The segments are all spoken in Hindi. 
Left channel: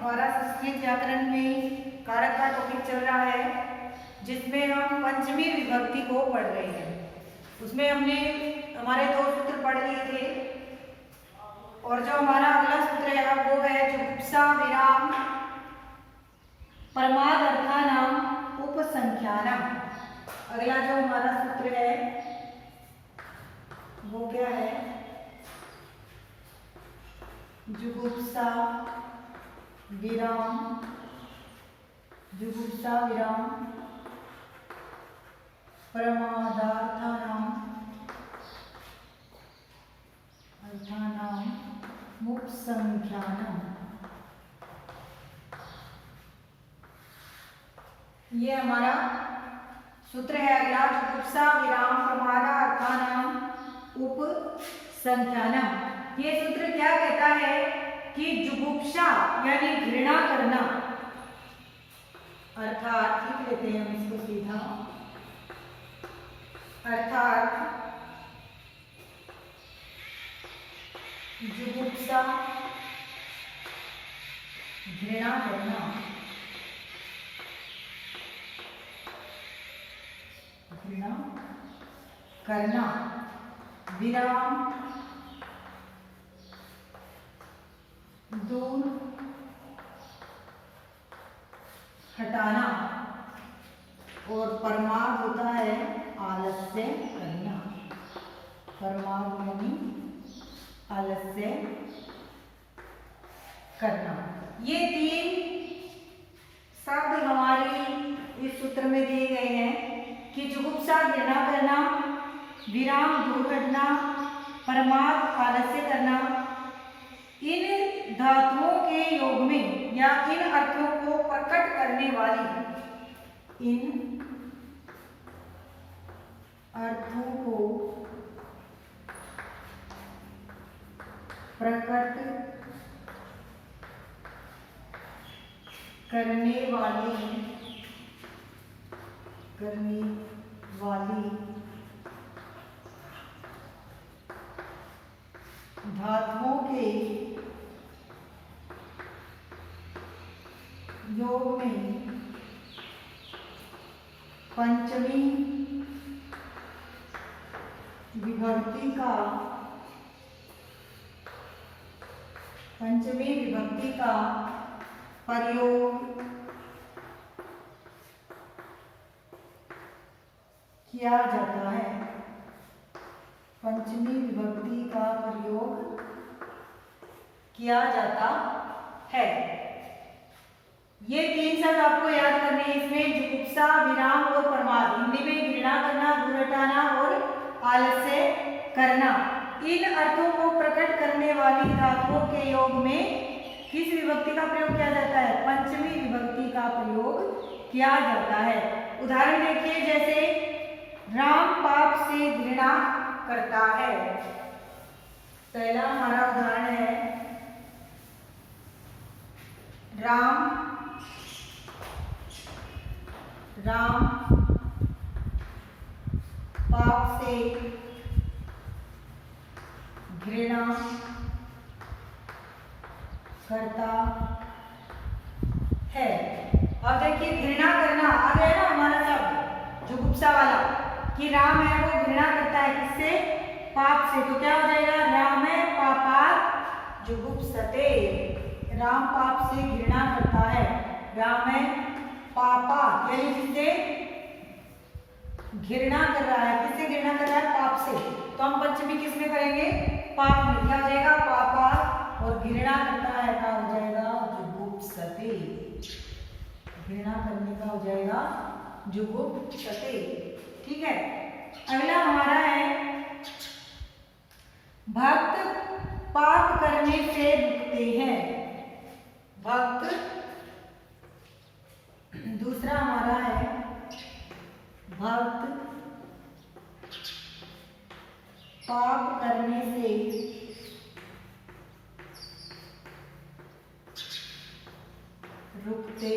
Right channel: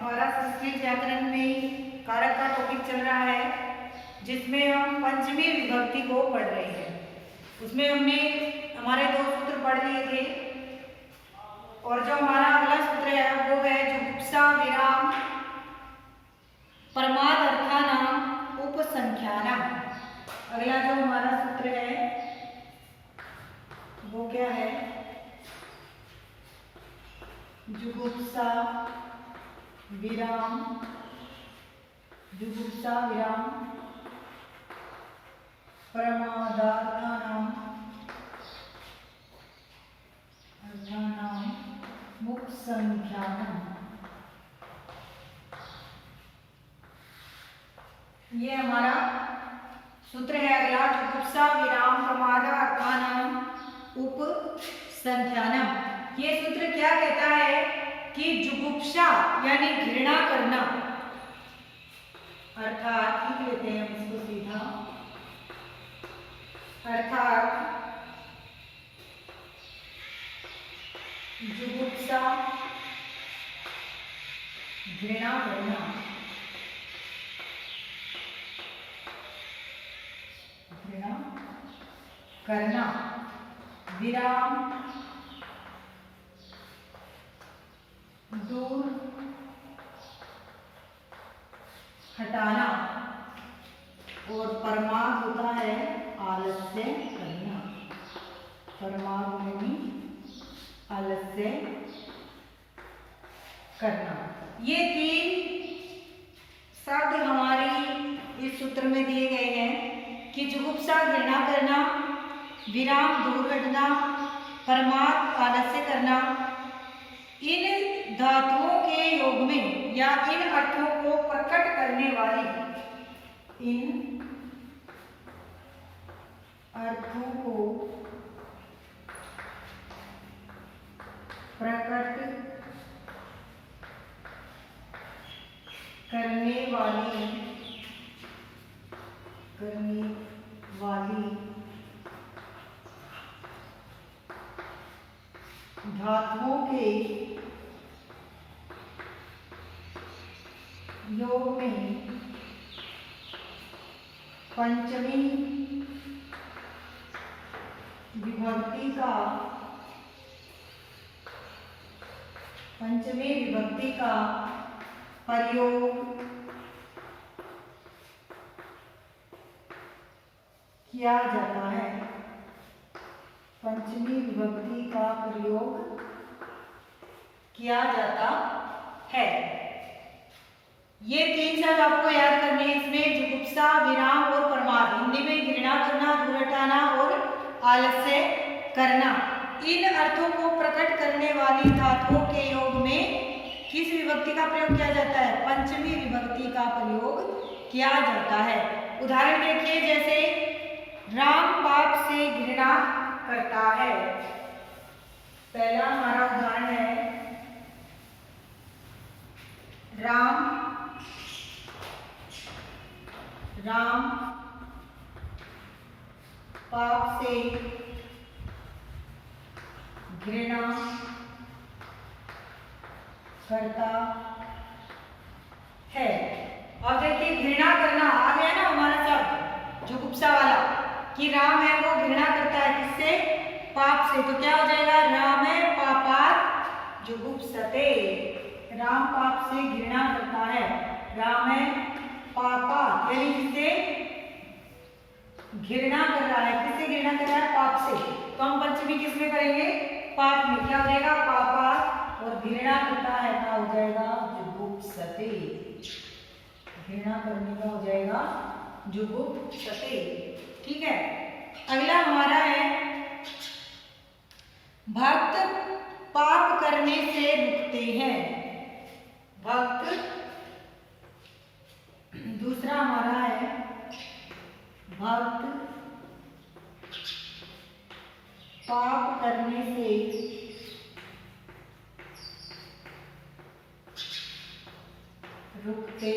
हमारा संस्कृत व्याकरण में कारक का टॉपिक चल रहा है, जिसमें हम पंचमी विभक्ति को पढ़ रहे हैं। उसमें हमने हमारे 2 सूत्र पढ़ लिए थे, और जो हमारा अगला सूत्र है वो है जुगुप्सा विराम परमाद अर्थानाम उपसंख्यानम। अगला जो हमारा सूत्र है वो क्या है? जुगुप्सा विराम परमादार्थानाम उपसंख्यानम। ये हमारा सूत्र है अगला, जुगुप्सा विराम प्रमादा अर्थानाम उपसंख्यानम। ये सूत्र क्या कहता है कि जुगुप्सा यानी घृणा करना, अर्थात लिख लेते हैं हम इसको सीधा, अर्थात जुगुप्सा घृणा करना, विराम दूर हटाना, और परमाद होता है आलस्य करना। परमाद यानी आलस्य करना। ये 3 शब्द हमारी इस सूत्र में दिए गए हैं कि जुगुप्सा घृणा करना, विराम दूर हटना, परमाद आलस्य करना। इन धातुओं के योग में या इन अर्थों को प्रकट करने वाली, इन अर्थों को प्रकट करने वाली धातुओं के योग में पंचमी विभक्ति का प्रयोग किया जाता है। पंचमी विभक्ति का प्रयोग किया जाता है। ये 3 शब्द आपको याद करने हैं। इसमें जुगुप्सा विराम और प्रमाद, हिंदी में घृणा करना, दूर हटाना और आलस्य करना। इन अर्थों को प्रकट करने वाली धातुओं के योग में किस विभक्ति का प्रयोग किया जाता है? पंचमी विभक्ति का प्रयोग किया जाता है। उदाहरण देखिए, जैसे राम पाप से घृणा करता है। पहला हमारा उदाहरण है, राम पाप से घृणा करता है। अब देखिए, घृणा करना आ गया ना हमारा शब्द जुगुप्सा वाला, कि राम है वो घृणा करता है किससे? पाप से। तो क्या हो जाएगा? राम है पापात् जुगुप्सते। राम पाप से घृणा करता है। राम है पापात् यानी किससे घृणा कर रहा है? किससे घृणा कर रहा है? पाप से। तो हम पंचमी किसमें करेंगे? पाप में। क्या हो जाएगा? पापात्, और घृणा करता है क्या हो जाएगा? जुगुप्सते। घृणा करने का हो जाएगा जुगुप्सते। ठीक है। अगला हमारा है, भक्त पाप करने से रुकते हैं। भक्त, दूसरा हमारा है, भक्त पाप करने से रुकते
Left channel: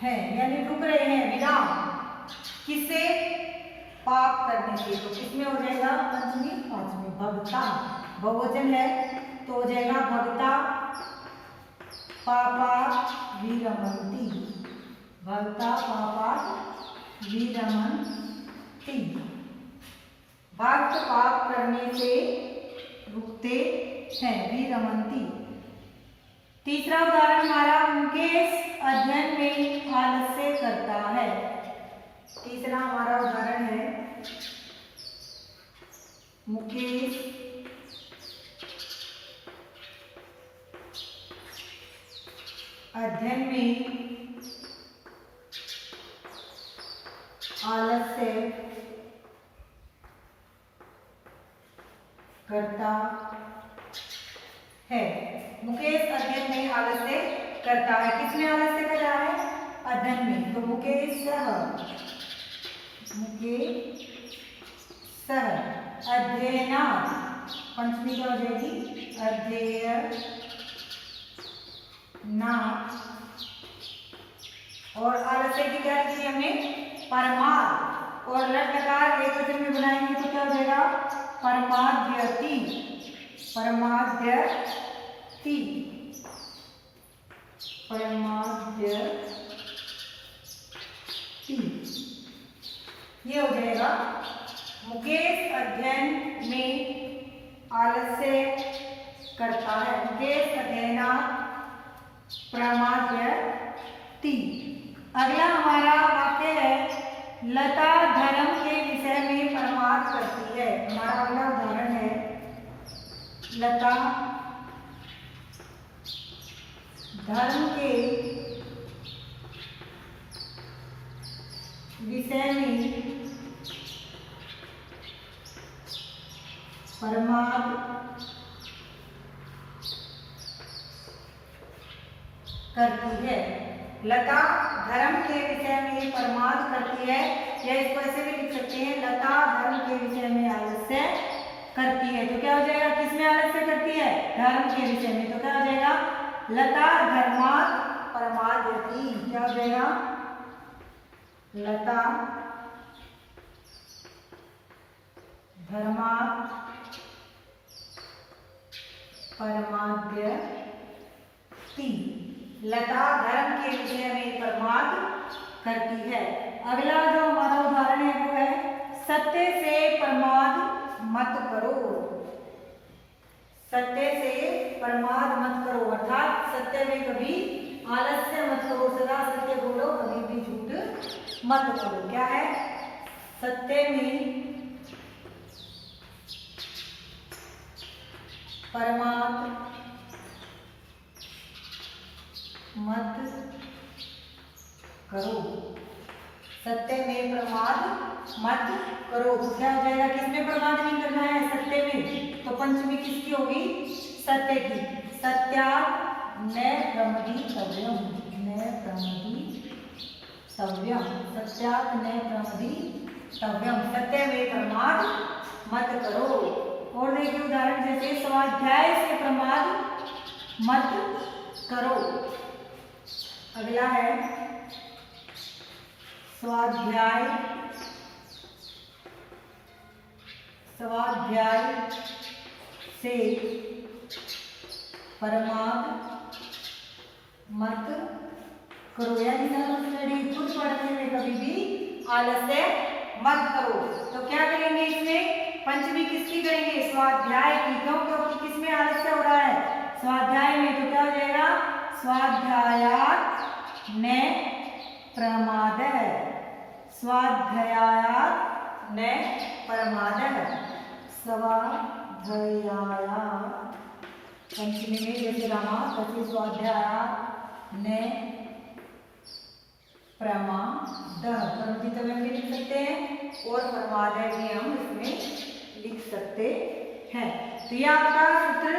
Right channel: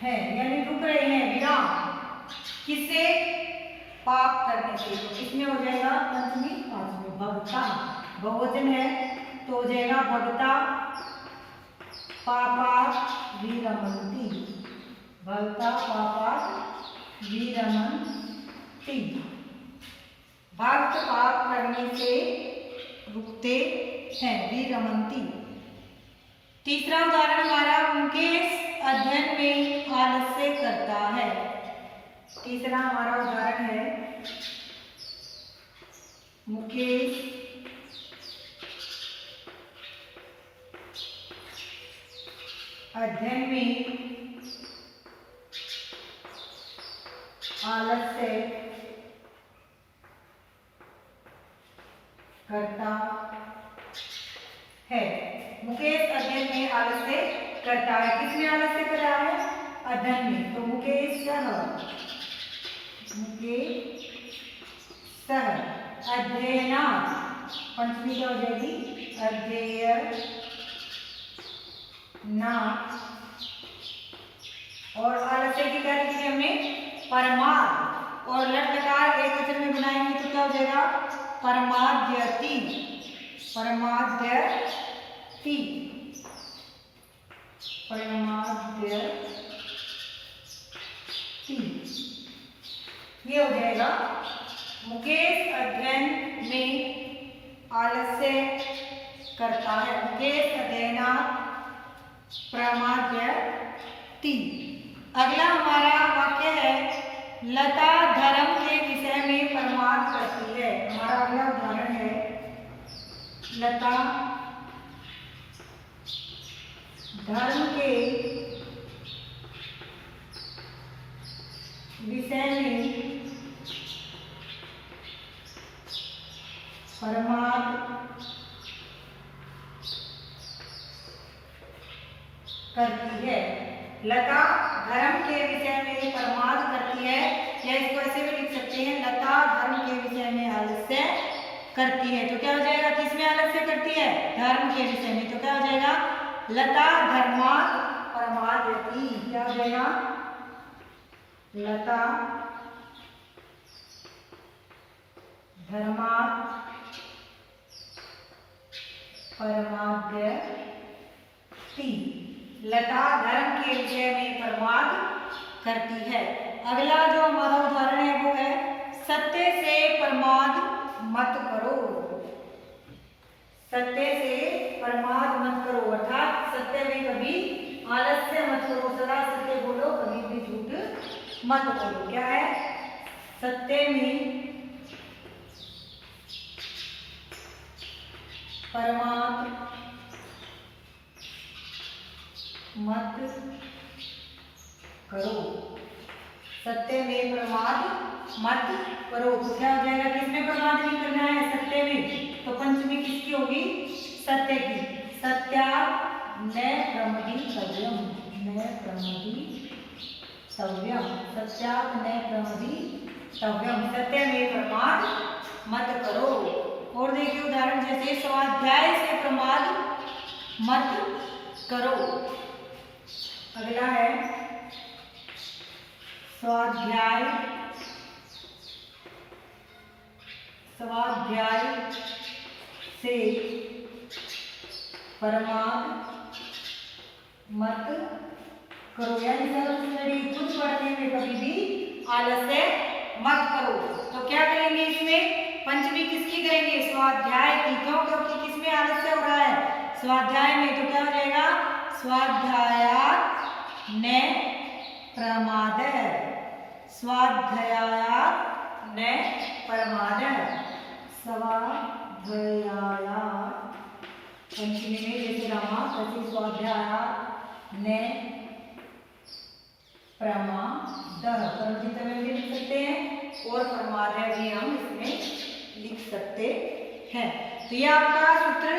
हैं, यानी रुक रहे हैं। विराम किससे? पाप करने से। तो किसमें हो जाएगा? पंचमी पांचवी। भगता बहुवचन है तो हो जाएगा भगता वीरमन्ति। भवता पापात् वीरमन्ति। भक्त पाप करने से रुकते हैं, वीरमन्ति। तीसरा उदाहरण हमारा, मुकेश अध्ययन में आलस्य करता है। तीसरा हमारा उदाहरण है, मुकेश अध्ययन में आलस्य करता है। मुकेश अध्ययन में आलस्य करता है। किसमें आलस्य कर रहा है? अध्ययन में। तो मुकेश अध्ययनात्, पंचमी क्या हो जाएगी? अध्ययनात्। और आलस्य की क्या लिखी हमने? परमाद। और लट लकार एक वचन में बनाएंगे तो क्या हो जाएगा? परमाद्यति। परमाद्यति। ये हो जाएगा, मुकेश अध्ययन में आलस्य करता है। मुकेश अध्ययनात् प्रमाद्यति। अगला हमारा वाक्य है, लता धर्म के विषय में प्रमाद करती है। हमारा अगला उदाहरण है, लता धर्म के विषय में प्रमाद करती है। लता धर्म के विषय में प्रमाद करती है, या इसको ऐसे भी लिख सकते हैं, लता धर्म के विषय में आलस्य करती है। तो क्या हो जाएगा? किसमें आलस्य करती है? धर्म के विषय में। तो क्या हो जाएगा? लता धर्मात् प्रमादयति। क्या हो जाएगा? लता धर्मात् प्रमादयति। लता धर्म के विषय में प्रमाद करती है। अगला जो हमारा उदाहरण है वो है, सत्य से प्रमाद मत करो। सत्य से प्रमाद मत करो, अर्थात सत्य में कभी आलस्य मत करो, सदा सत्य बोलो, कभी भी झूठ मत बोलो। क्या है? सत्य में प्रमाद मत करो। सत्य में प्रमाद मत करो। तो क्या हो जाएगा? किसमें प्रमाद नहीं करना है? सत्य में। तो पंचमी किसकी होगी? सत्य की। सत्यात् न प्रमदीतव्यम्। न प्रमदीतव्यम्। सत्यात् न प्रमदीतव्यम्। सत्य में प्रमाद मत करो। और देखिए उदाहरण, जैसे स्वाध्याय से प्रमाद मत करो। अगला है, स्वाध्याय से प्रमाद मत करो, यानी खुद पढ़ने में कभी भी आलस्य मत करो। तो क्या करेंगे इसमें? पंचमी किसकी करेंगे? स्वाध्याय की। क्यों? क्योंकि किसमें आलस्य हो रहा है? स्वाध्याय में। तो क्या हो जाएगा? स्वाध्यायात् न प्रमादः। स्वाध्यायात् न प्रमादः। स्वाध्यायात्, पंचमी में जैसे रामा, तैसे स्वाध्यायात् न प्रमादः। प्रमदित में भी लिख सकते हैं और प्रमादः भी हम इसमें लिख सकते हैं। तो ये आपका सूत्र।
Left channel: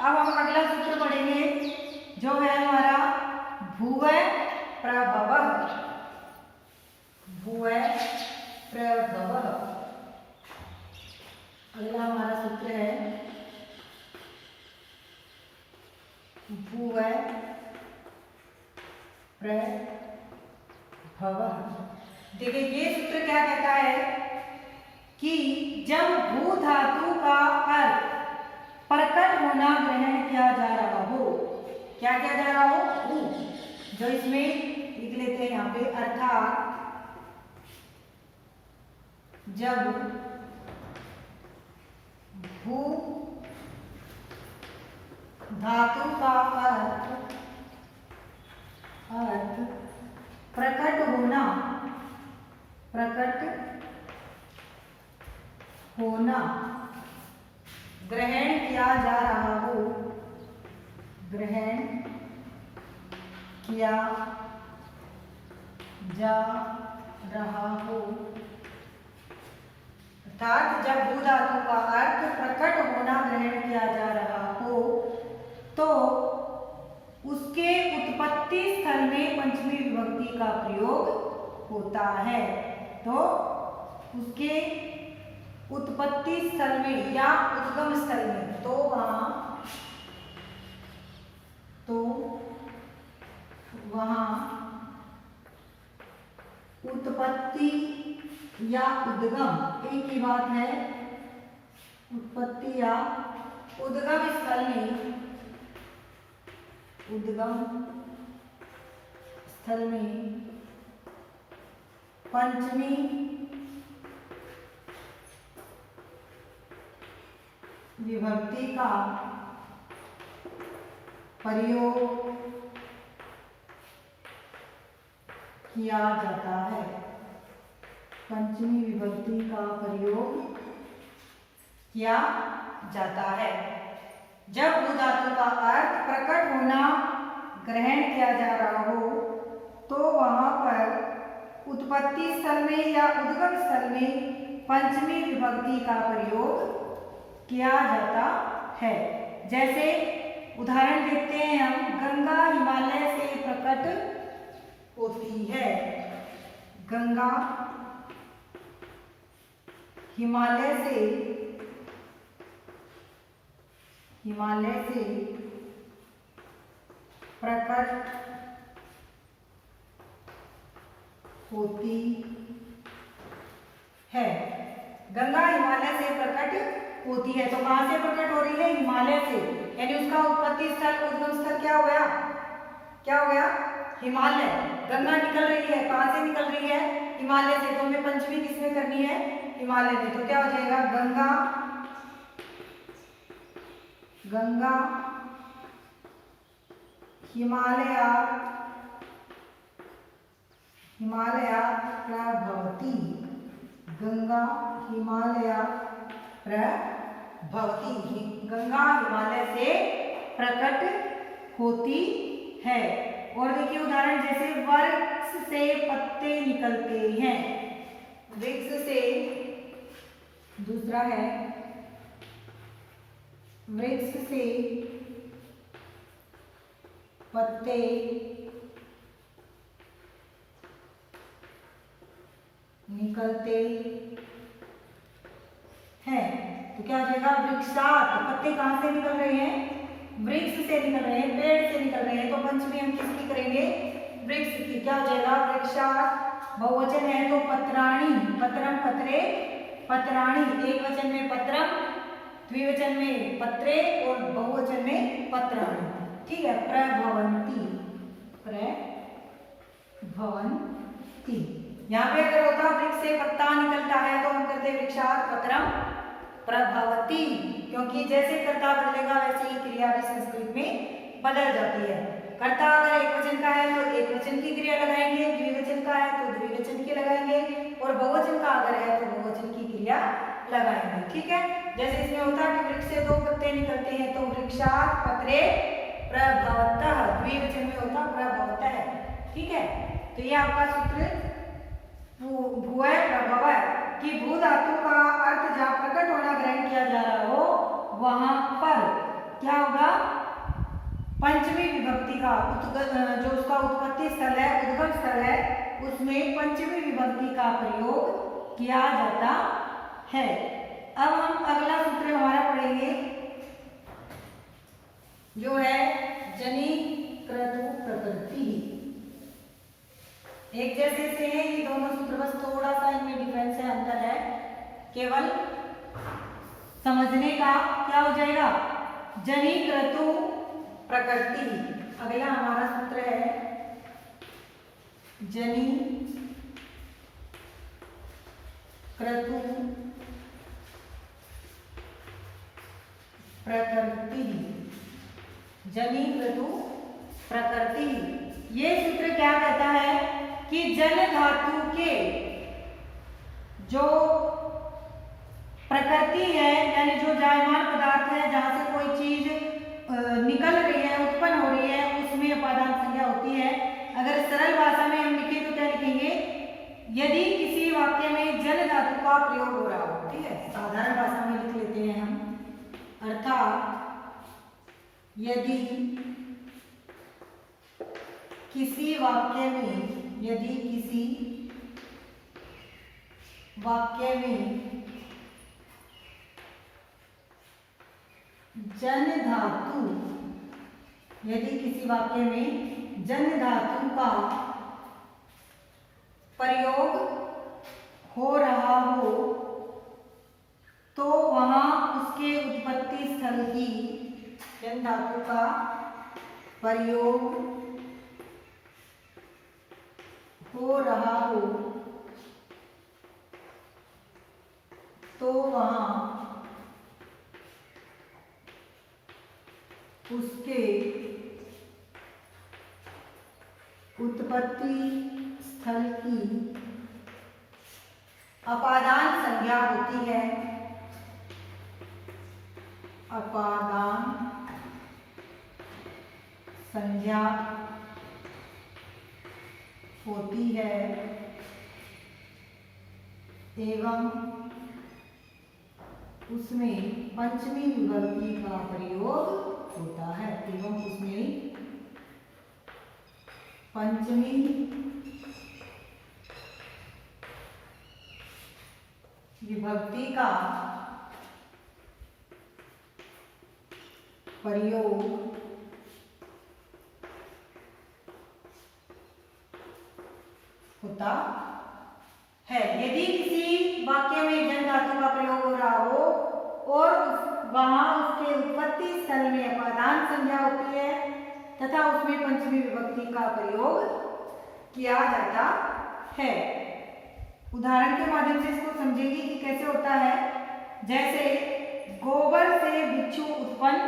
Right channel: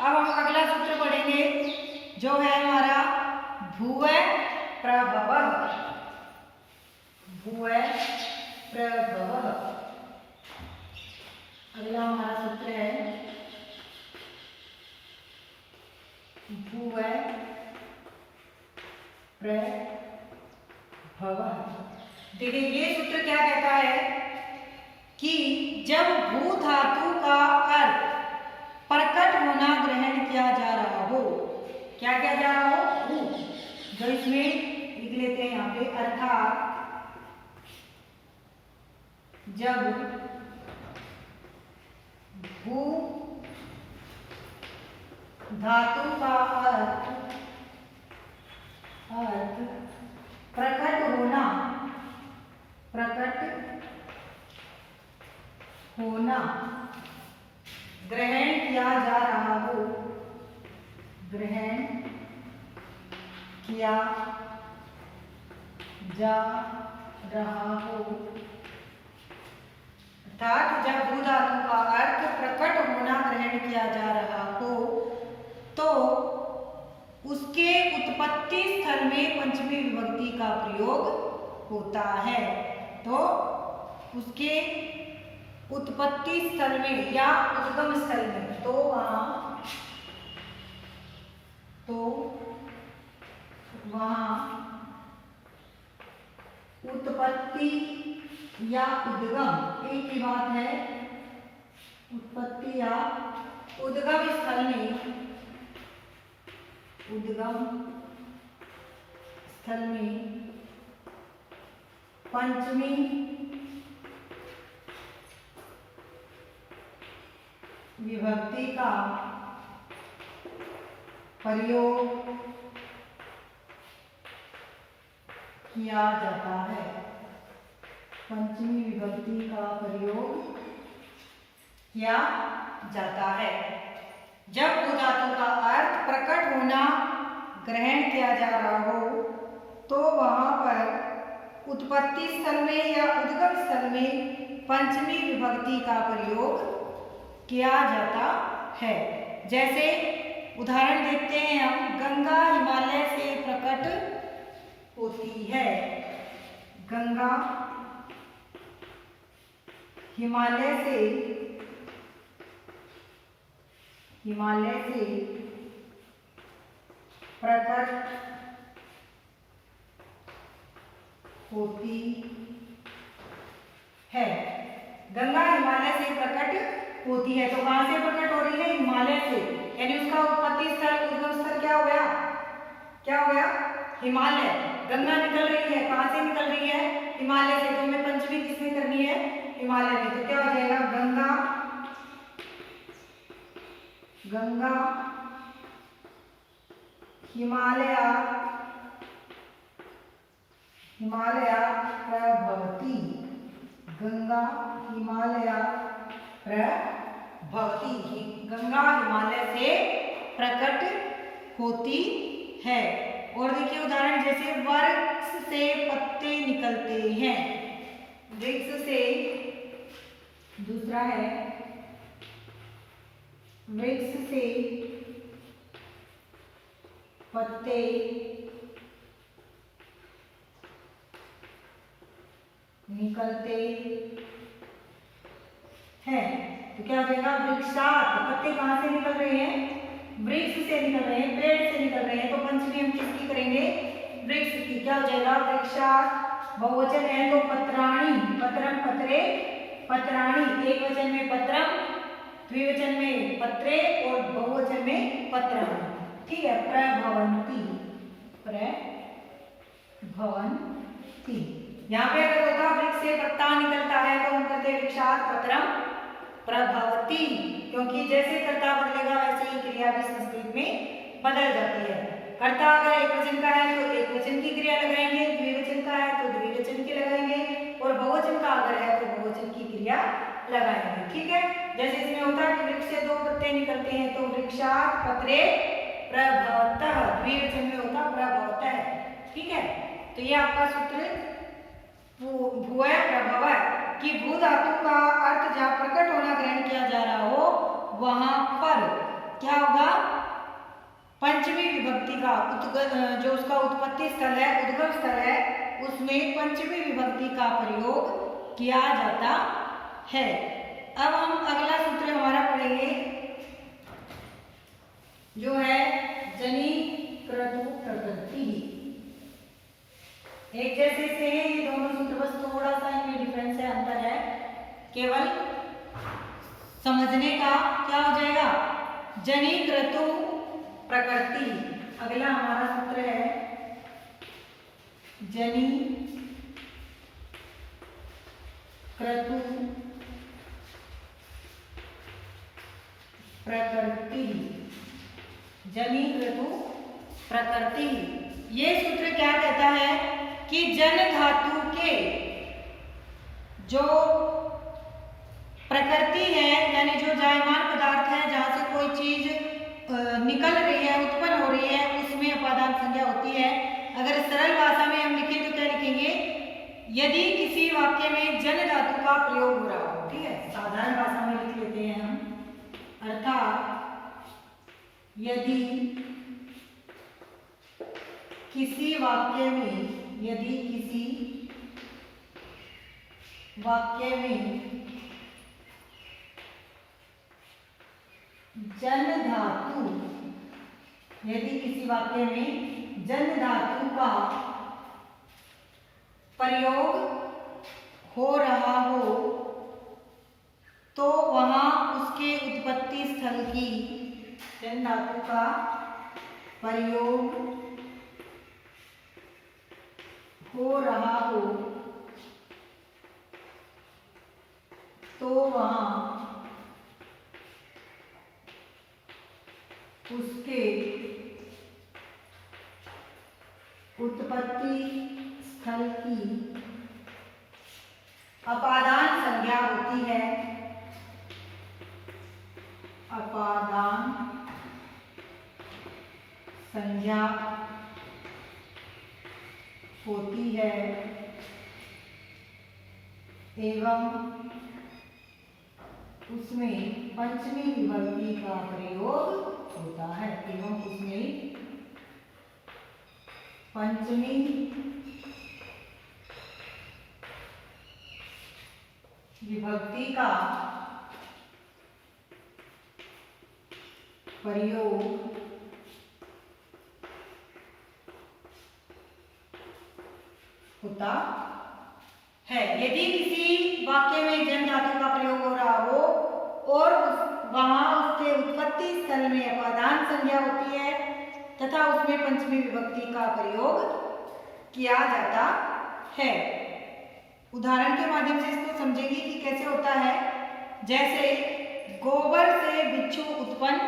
अब हम अगला सूत्र पढ़ेंगे जो है हमारा भुवः प्रभवः। भुवः प्रभवः। अगला हमारा सूत्र है भुवः प्रभवः। देखिए ये सूत्र क्या कहता है कि जब भू धातु का अर्थ प्रकट होना ग्रहण किया जा रहा हो, क्या किया जा रहा हो? भू। जो इसमें लिख लेते हैं यहाँ पे, अर्थात जब भू धातु का अर्थ प्रकट होना ग्रहण किया जा रहा हो, अर्थात जब भू धातु का अर्थ प्रकट होना ग्रहण किया जा रहा हो तो उसके उत्पत्ति स्थल में पंचमी विभक्ति का प्रयोग होता है। तो उसके उत्पत्ति स्थल में या उद्गम स्थल में, तो वहां उत्पत्ति या उद्गम एक ही बात है, उत्पत्ति या उद्गम स्थल में पंचमी विभक्ति का प्रयोग किया जाता है। पंचमी विभक्ति का प्रयोग किया जाता है जब भू धातु का अर्थ प्रकट होना ग्रहण किया जा रहा हो तो वहां पर उत्पत्ति स्थल में या उद्गम स्थल में पंचमी विभक्ति का प्रयोग किया जाता है। जैसे उदाहरण देखते हैं हम, गंगा हिमालय से प्रकट होती है। गंगा हिमालय से प्रकट होती है। गंगा हिमालय से प्रकट होती है, तो कहां से प्रकट हो रही है? हिमालय से, यानी उसका उत्पत्ति स्थल उद्गम स्थल क्या हो गया? हिमालय। गंगा निकल रही है, कहां से निकल रही है? हिमालय से। तो हमें पंचमी किसमें करनी है? हिमालय में। तो क्या हो जाएगा? गंगा हिमालयात् प्रभवति। गंगा हिमालयात् प्रभवति। गंगा हिमालय से प्रकट होती है। और देखिए उदाहरण, जैसे वृक्ष से पत्ते निकलते हैं। वृक्ष से, दूसरा है वृक्ष से पत्ते निकलते हैं। तो क्या हो जाएगा? वृक्षात। पत्ते कहां से निकल रहे हैं? वृक्ष से निकल रहे हैं, पेड़ से निकल रहे हैं। तो पंचमी हम किसकी करेंगे? वृक्ष की। क्या हो जाएगा? वृक्षात। बहुवचन है तो पत्राणि। पत्रम पत्रे पत्राणि। एक वचन में पत्रम, द्विवचन में पत्रे और बहुवचन में पत्राणि। ठीक है। प्रभवन्ति। यहाँ पे अगर होता वृक्ष से पत्ता निकलता है तो हम कहते हैं वृक्षात पत्रम प्रभवति, क्योंकि जैसे कर्ता बदलेगा वैसे ही क्रिया भी संस्कृत में बदल जाती है। कर्ता अगर एक वचन का है तो एक वचन की क्रिया लगाएंगे, द्विवचन का है तो द्विवचन की लगाएंगे, और बहुवचन का अगर है तो बहुवचन की क्रिया लगाएंगे। ठीक है। जैसे इसमें होता है कि वृक्ष से दो पत्ते निकलते हैं तो वृक्षात पत्रे प्रभवतः। द्विवचन में होता प्रभवतः। ठीक है। तो ये आपका सूत्र भूय प्रभव कि भू धातु का अर्थ जहाँ प्रकट होना ग्रहण किया जा रहा हो वहां पर क्या होगा? पंचमी विभक्ति का जो उसका उत्पत्ति स्थल है, उद्गम स्थल है, उसमें पंचमी विभक्ति का प्रयोग किया जाता है। अब हम अगला सूत्र हमारा पढ़ेंगे जो है जनि क्रतु प्रकृति। एक जैसे से ये दोनों सूत्र, बस थोड़ा सा इनमें डिफरेंस है, अंतर है, केवल समझने का। क्या हो जाएगा? जनि क्रतु प्रकृति। अगला हमारा सूत्र है जनि क्रतु प्रकृति। जनि क्रतु प्रकृति। ये सूत्र क्या कहता है कि जन धातु के जो प्रकृति है, यानी जो जायमान पदार्थ है, जहां से कोई चीज निकल रही है, उत्पन्न हो रही है, उसमें अपादान संज्ञा होती है। अगर सरल भाषा में हम लिखें तो क्या लिखेंगे? यदि किसी वाक्य में जन धातु का प्रयोग हो रहा हो, ठीक है, साधारण भाषा में लिख लेते हैं हम। अर्थात यदि किसी वाक्य में जन धातु का प्रयोग हो रहा हो तो वहां उसके उत्पत्ति स्थल की जन धातु का प्रयोग हो रहा हो तो वहां उसके उत्पत्ति स्थल की अपादान संज्ञा होती है। अपादान संज्ञा होती है एवं उसमें पंचमी विभक्ति का प्रयोग होता है। पंचमी विभक्ति का प्रयोग होता है। यदि किसी वाक्य में जन धातु का प्रयोग हो रहा हो और वहां उसके उत्पत्ति स्थल में अपादान संज्ञा होती है तथा उसमें पंचमी विभक्ति का प्रयोग किया जाता है। उदाहरण के माध्यम से इसको समझेंगे कि कैसे होता है। जैसे गोबर से बिच्छू उत्पन्न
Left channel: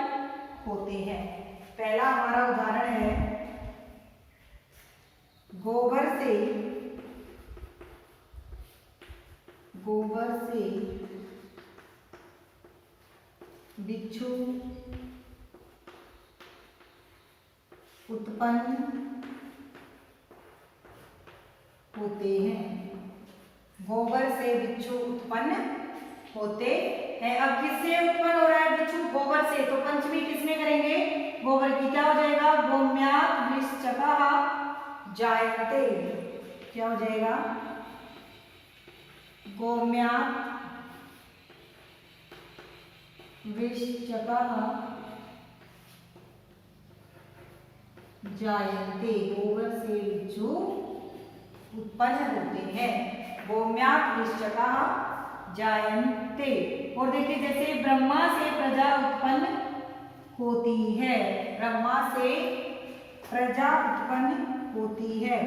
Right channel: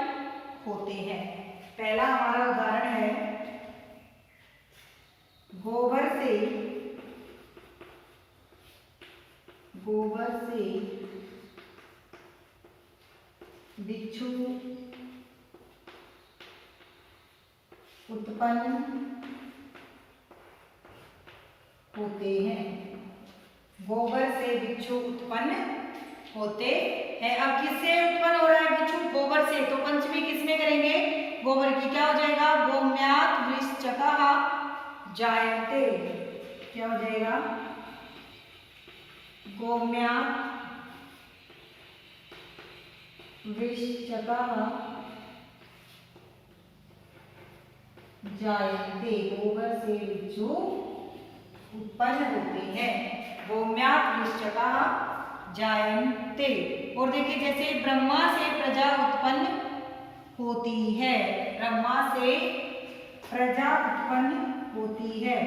होते हैं। पहला हमारा उदाहरण है, गोबर से बिच्छू उत्पन्न होते हैं। गोबर से बिच्छू उत्पन्न होते हैं। अब किससे उत्पन्न हो रहा है बिच्छू? गोबर से। तो पंचमी किसमें करेंगे? गोबर की। क्या हो जाएगा? गोम्यात् वृश्चकः जायते। क्या हो जाएगा? गोम्यात् वृश्चकः जायते। गोबर से बिच्छू उत्पन्न होते हैं। गोम्यात् वृश्चकः जायन्ते। और देखिए जैसे ब्रह्मा से प्रजा उत्पन्न होती है। ब्रह्मा से प्रजा उत्पन्न होती है।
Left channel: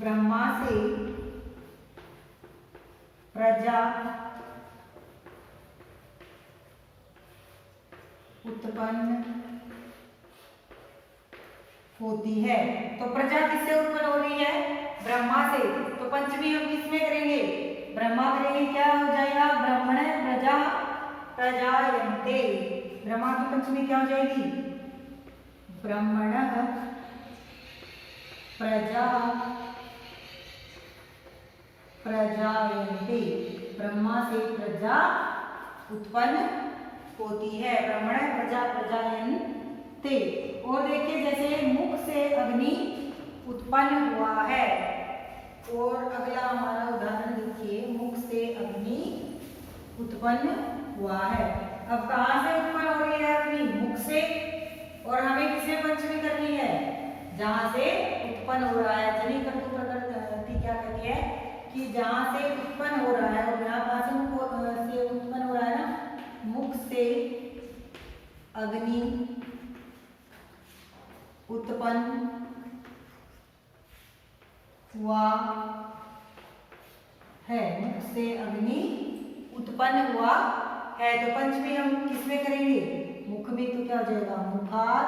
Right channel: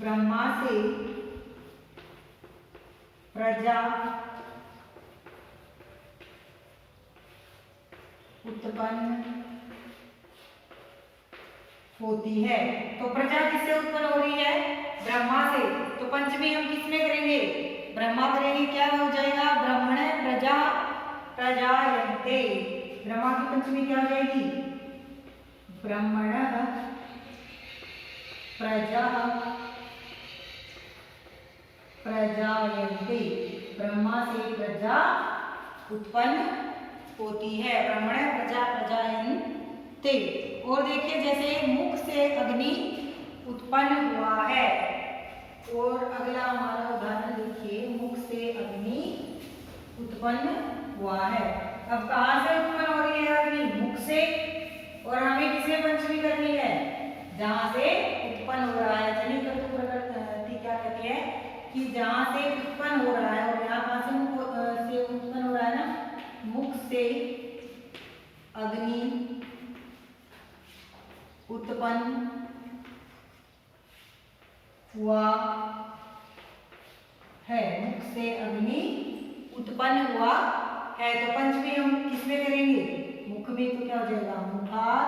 ब्रह्मा से प्रजा उत्पन्न होती है। तो प्रजा किससे उत्पन्न हो रही है? ब्रह्मा से। तो पंचमी हम किसमें करेंगे? ब्रह्मा करेंगे। क्या हो जाएगा? ब्रह्मण प्रजा प्रजायन्ते। ब्रह्मा की पंचमी क्या हो जाएगी? ब्रह्मण प्रजा प्रजायन्ते। ब्रह्मा से प्रजा उत्पन्न होती है। ब्रह्मण प्रजा प्रजायन्ते। और देखिए जैसे मुख से अग्नि उत्पन्न हुआ है। और अगला हमारा उदाहरण देखिए, मुख से अग्नि उत्पन्न हुआ है। अब कहां से उत्पन्न हो रही है अग्नि? मुख से। और हमें किसमें पंचमी करनी है? जहां से उत्पन्न हो रहा है। जनि क्रतु प्रकृति क्या कहती है कि जहां से उत्पन्न हो रहा है। और यहाँ कहां से उत्पन्न हो रहा है ना? मुख से अग्नि उत्पन्न हुआ है, मुख से अग्नि उत्पन्न हुआ है। तो पंचमी हम किसमें करेंगे? मुख में। तो क्या हो जाएगा? मुखात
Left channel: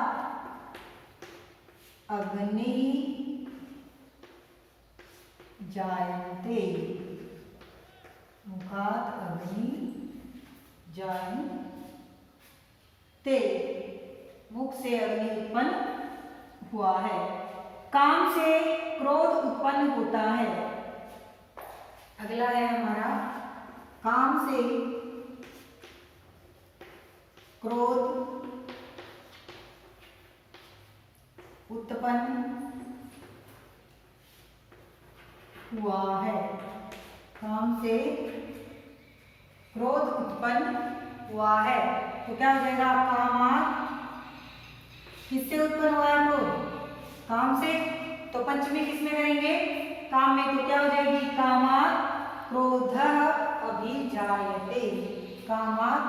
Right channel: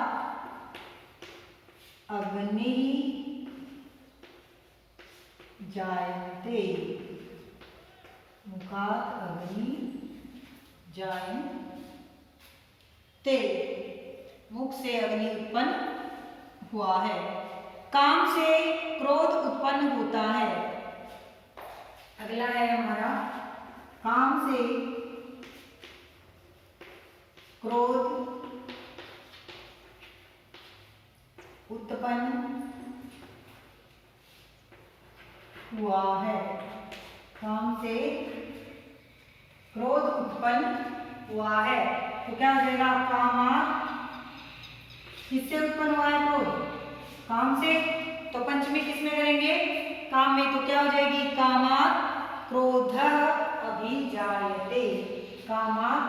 अग्नि जायते, मुखात अग्नि जायते, मुख से अग्नि उत्पन्न हुआ है। काम से क्रोध उत्पन्न होता है। अगला है हमारा काम से क्रोध उत्पन्न हुआ है। काम से क्रोध उत्पन्न हुआ है। तो क्या हो जाएगा? कामात्, किससे उत्पन्न हुआ है क्रोध? काम से। तो पंचमी किसमें करेंगे? काम में। तो क्या हो जाएगी? कामात् क्रोधः अभिजायते, कामात्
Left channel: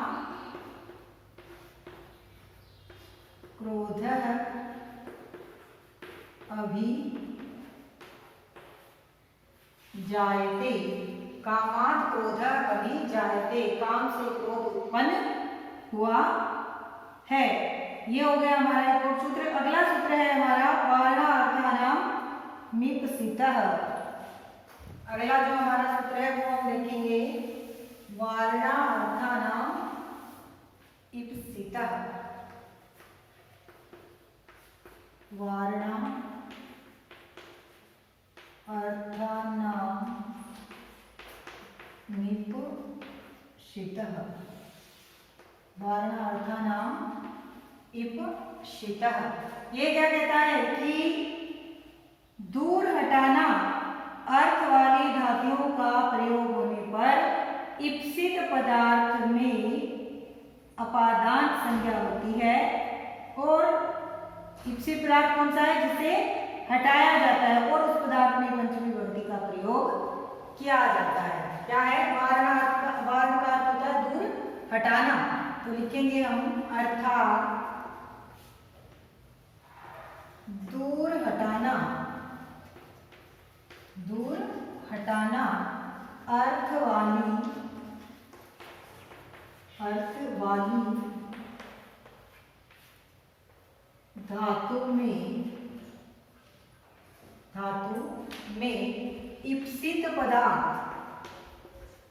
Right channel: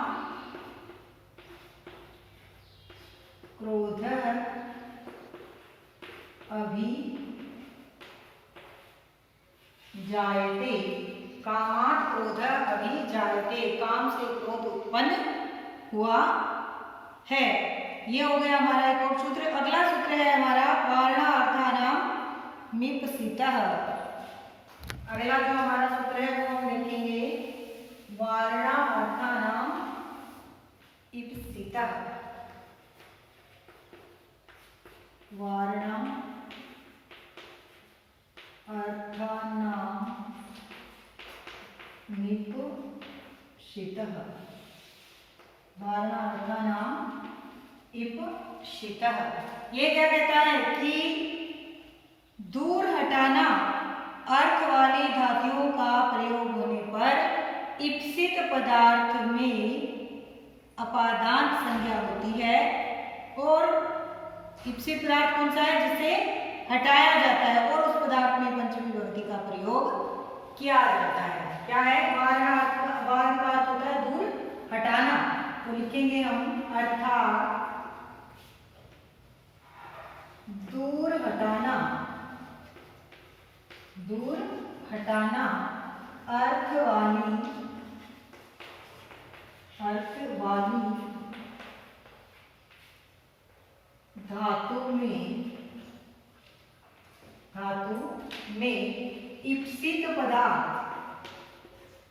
क्रोधः अभिजायते, कामात् क्रोधः अभिजायते, काम से क्रोध उत्पन्न हुआ है। ये हो गया हमारा एक और सूत्र। अगला सूत्र है हमारा वारणार्थानां मीप्सितः। अगला जो हमारा सूत्र है वो हम देखेंगे वारणार्थानां ईप्सितः। वारणार्थानां मीप्सितः, वारणार्थानां ईप्सितः। ये क्या कहता है कि दूर हटाना अर्थ वाली धातुओं का प्रयोग होने पर ईप्सित पदार्थ में अपादान संज्ञा होती है। और ईप्सित पदार्थ कौन सा है? जिसे हटाया जाता है और उस पदार्थ में पंचमी विभक्ति का प्रयोग किया जाता है। क्या है? वारण का अर्थ होता है दूर हटाना। तो लिखेंगे हम अर्थात दूर हटाना, दूर हटाना अर्थ वाली धातु में ईप्सित पदार्थ,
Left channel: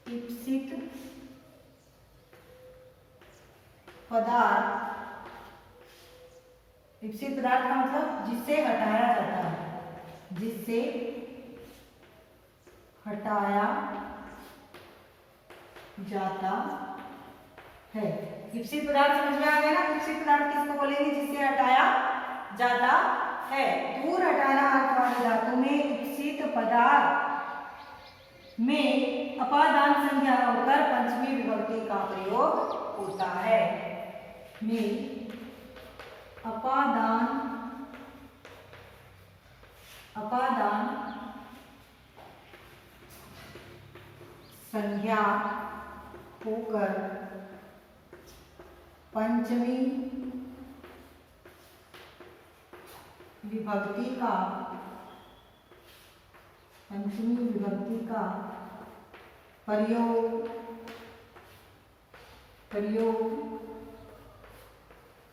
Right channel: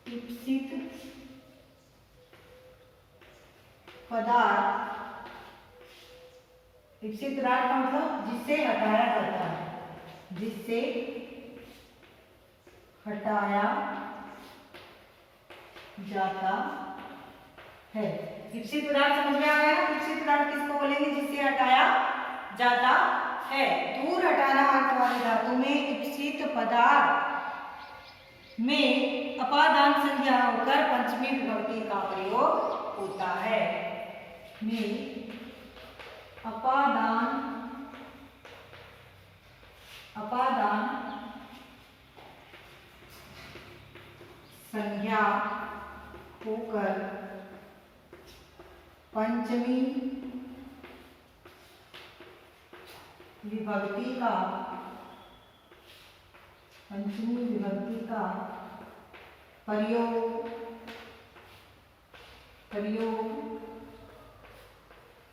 ईप्सित पदार्थ का मतलब जिससे हटाया जाता है, जिससे हटाया जाता है। ईप्सित पदार्थ समझ में आ गया ना? ईप्सित पदार्थ किसको बोलेंगे? जिससे हटाया जाता है। दूर हटाना अर्थ वाली धातु में ईप्सित पदार्थ में अपादान संज्ञा होकर पंचमी विभक्ति का प्रयोग होता है। में अपादान संज्ञा होकर पंचमी विभक्ति का प्रयोग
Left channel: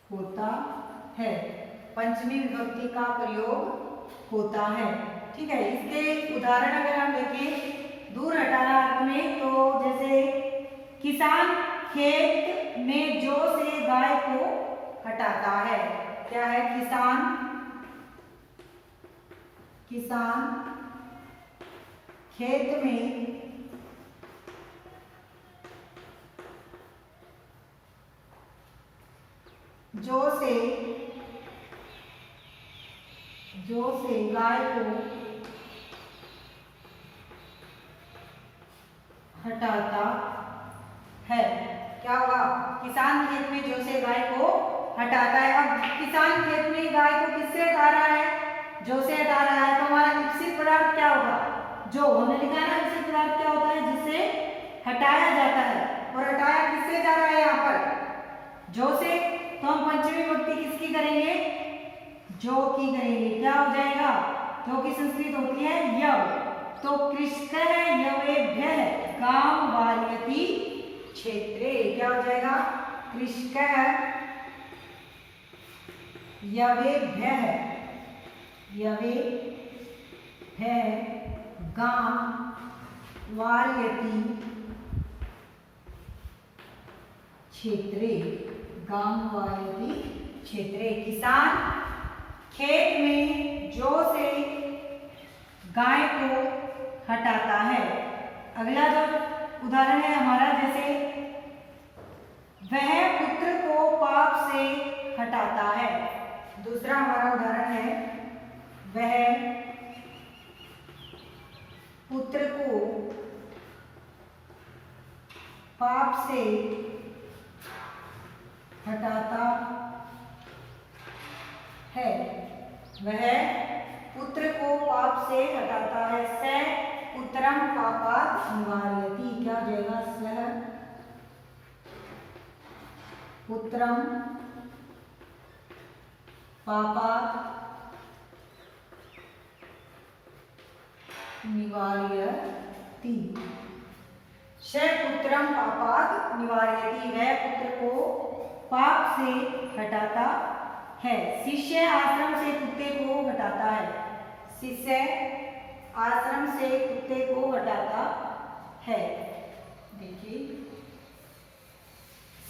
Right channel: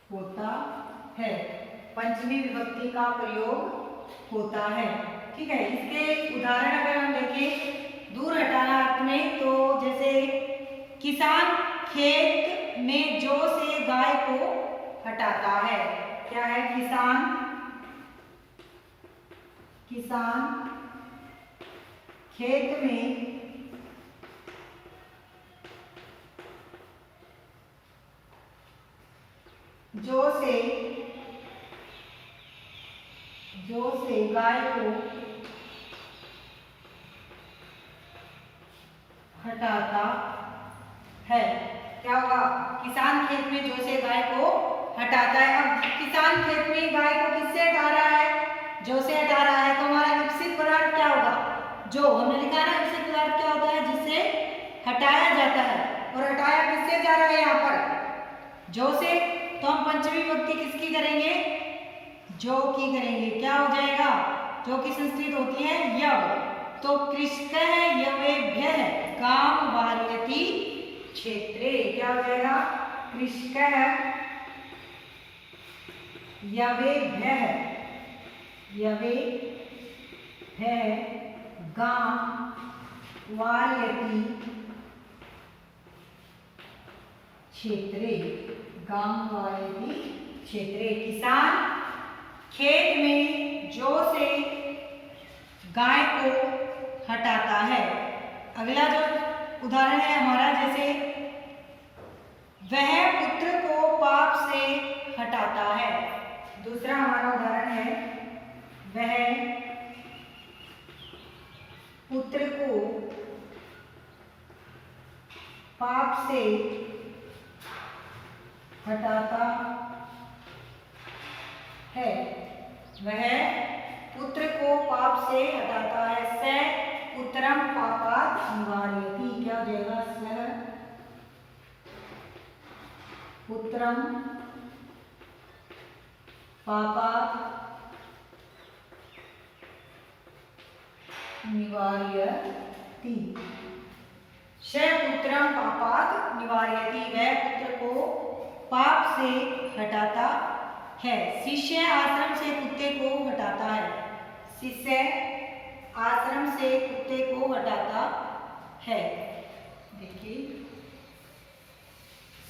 होता है। पंचमी विभक्ति का प्रयोग होता है। ठीक है। इसके उदाहरण अगर हम देखें दूर हटाना अर्थ में, तो जैसे किसान खेत में जौ से गाय को हटाता है। क्या है? किसान खेत में जौ से गाय को हटाता है। क्या होगा? किसान खेत में जौ से गाय को हटाता है। अब किसान खेत में गाय को किससे हटा रहा है? जौ से हटा रहा है। तो हमारा ईप्सित पदार्थ क्या होगा? जो हमने लिखा ना, ईप्सित पदार्थ क्या होता है? जिससे हटाया जाता है। और हटाया किससे जा रहा है? यहाँ पर जौ से। तो हम पंचमी विभक्ति किसकी करेंगे? जौ की करेंगे। क्या हो जाएगा? जो कि संस्कृत होती है यव। तो कृष्णः यवेभ्यः गांव वारयति क्षेत्रे, क्या हो जाएगा? कृष्णः यवेभ्यः गांव वारयति क्षेत्रे, गांव वारयति क्षेत्रे। किसान खेत में जौ से गाय को हटाता है। अगला जो उदाहरण है हमारा, जैसे वह पुत्र को पाप से हटाता है। दूसरा हमारा उदाहरण है, वह पुत्र को पाप से हटाता है। वह पुत्र को पाप से हटाता है। स पुत्रम पापात् निवारयति, क्या हो जाएगा? सह पुत्रम पापात् निवारयति। स पुत्रम पापात् निवारयति, वह पुत्र को पाप से हटाता है। शिष्य आश्रम से कुत्ते को हटाता है। शिष्य आश्रम से कुत्ते को हटाता है। देखिए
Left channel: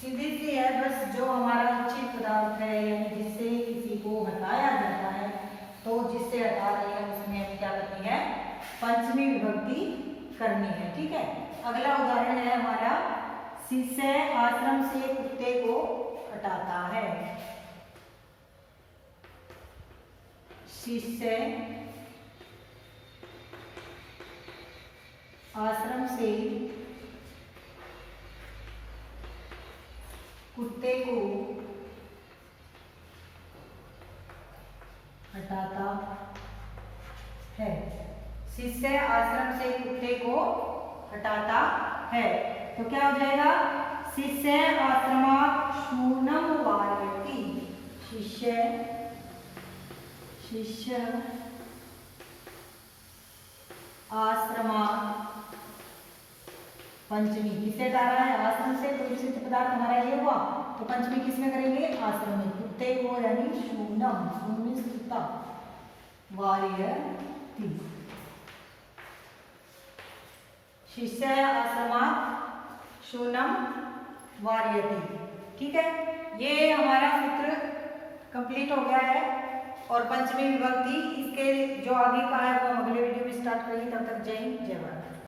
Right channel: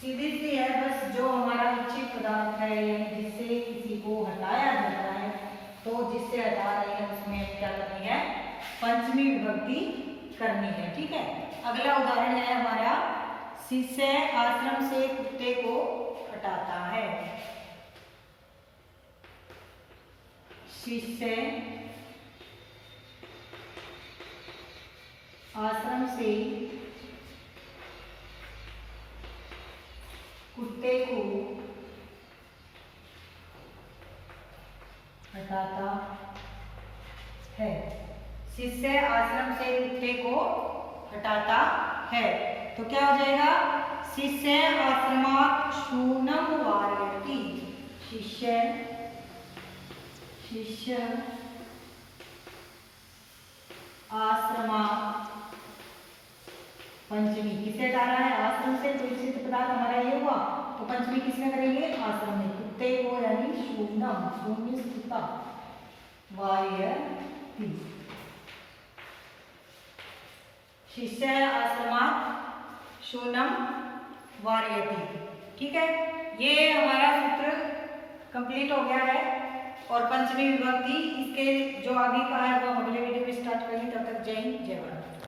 सीधी सी है, बस जो हमारा उचित पदार्थ है यानी जिससे किसी को हटाया जाता है, तो जिससे हटा रहे हैं उसमें क्या करनी है? पंचमी विभक्ति करनी है। ठीक है। अगला उदाहरण है हमारा, शिष्य आश्रम से कुत्ते को हटाता है। शिष्य आश्रम से कुत्ते को हटाता है। शिष्य आश्रम से कुत्ते को हटाता है। तो क्या हो जाएगा? शिष्य आश्रमात् शूनं वारयति। शिष्य आश्रमात्, पंचमी किससे हटा रहा है? आश्रम से। तो उचित पदार्थ हमारा ये हुआ, तो पंचमी किसमें करेंगे? आश्रम में। कुत्ते को यानी शून्यम, शून्य स्थिता वारयति। शिष्य आश्रमात् शून्यम वारयति। ठीक है, ये हमारा सूत्र कंप्लीट हो गया है। और पंचमी विभक्ति इसके जो आगे का है वो हम अगले वीडियो में स्टार्ट करेंगे। तब तक जय हिंद, जय भारत।